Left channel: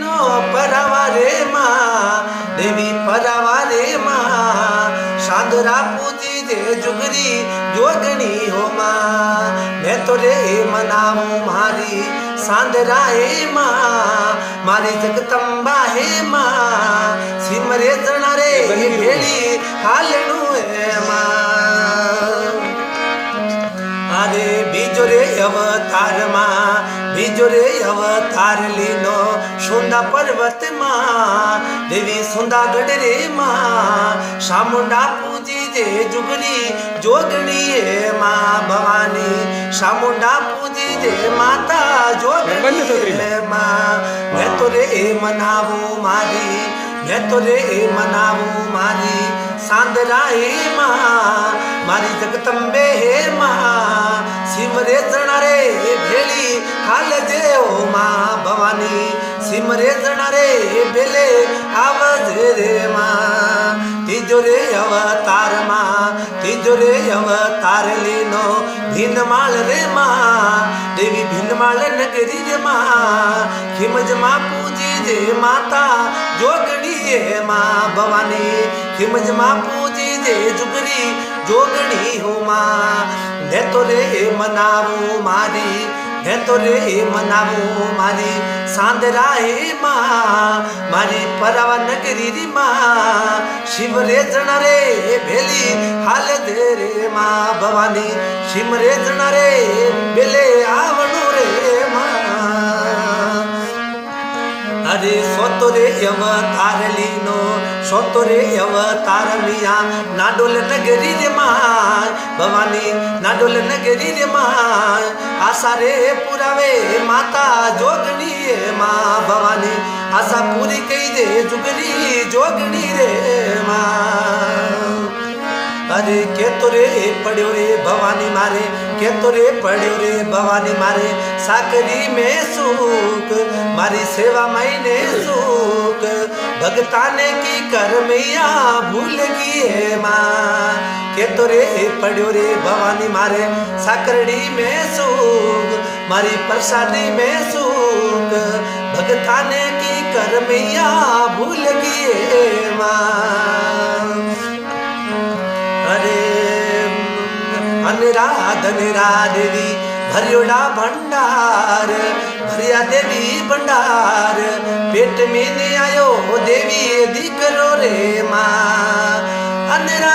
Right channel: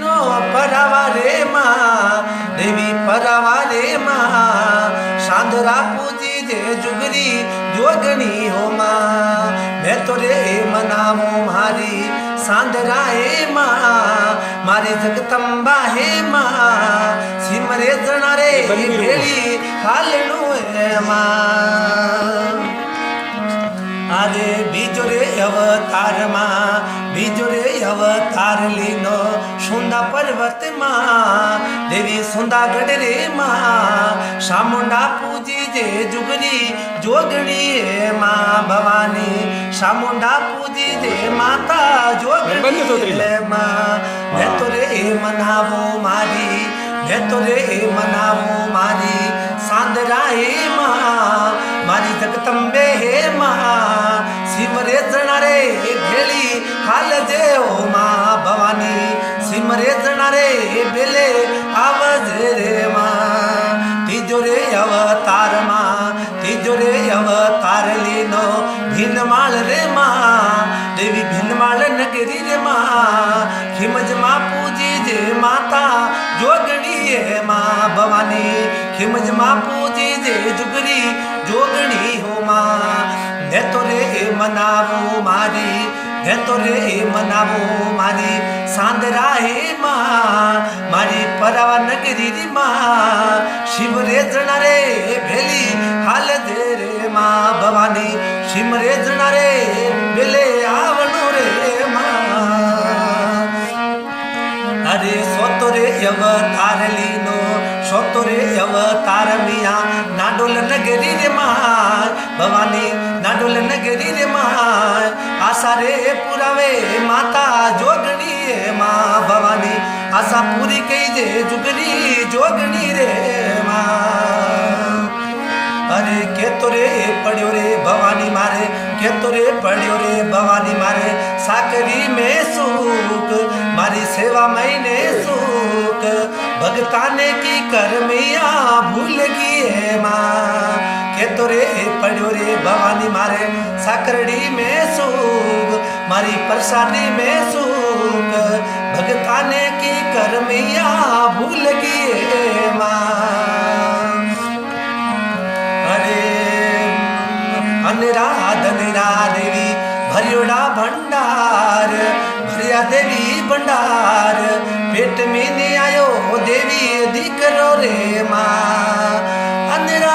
no परावा रे माँ देवी परावा रे माँ सांदरा पूजी दे जुगरी जोगणी हो माँ मैं तो रे मनावू मारी सांदरा हे माँ मारी जगदम्बा हे माँ सिमरे जना रे भेड़ी हालू हे माँ अरे बीजो रे अवतार माँ बीजो रे अवतार लीनो सुंदा पर्वत माँ देवी सुंदागढ़ रे माँ शामुंडा पूजी जे जुगली जोगणी है माँ भवानी शामुंडा पूजी जे माता जोगणी है माँ मैं तो रे मनावू मारी मैं तो रे मनावू मारी सांदरा हे माँ मारी जगदम्बे हे माँ सिमरे जना रे भेली हाल जे ओ माँ भवानी सिमरे जना रे बेले आवज रे माँ तीजो रे अवतार माँ तीजो रे अवतार लीनो भीनमाल रे माँ देवी भीनमाल नगरी रे माँ खिमज माँ पूजी जे माता जोगणी है माँ भवानी खिमज माँ पूजी जे जुगरी जोगणी हो माँ मैं तो रे मनावू मारी मैं तो रे मनावू मारी सांदरा हे माँ मारी परावा नगरी री माँ शिव रे जना रे भेली हाल दे रे माँ भवानी शिव रे जना रे बेले आवणु रे माँ अरे सोतो रे अवतार लीनो सोतो रे अवतार मिया नाडोल नगरी रे माँ भवानी नाडोल नगरी रे माँ आशा रे पुरावे माता जोगणी रे माँ भवानी आशा पूरी कई जे जुगनी जोगणी रे माँ अरे के तो रे पड़्यो रे भवानी मारे के तो रे पड़्यो रे भवानी मारे साकरी में सुख मारी सेवा महीने सुख भगताने की करमिया भूल गई है माँ के तो रे पड़्यो रे भवानी मारे साकरड़ी में सुख मारी प्रसादी में सुख भगताने की करमिया भूल गई है माँ अनिराध देवी भरियोड़ा भंडार भरिया देवी भंडार पेट में नहीं आयो देवी दिकरो रे माँ अनिराध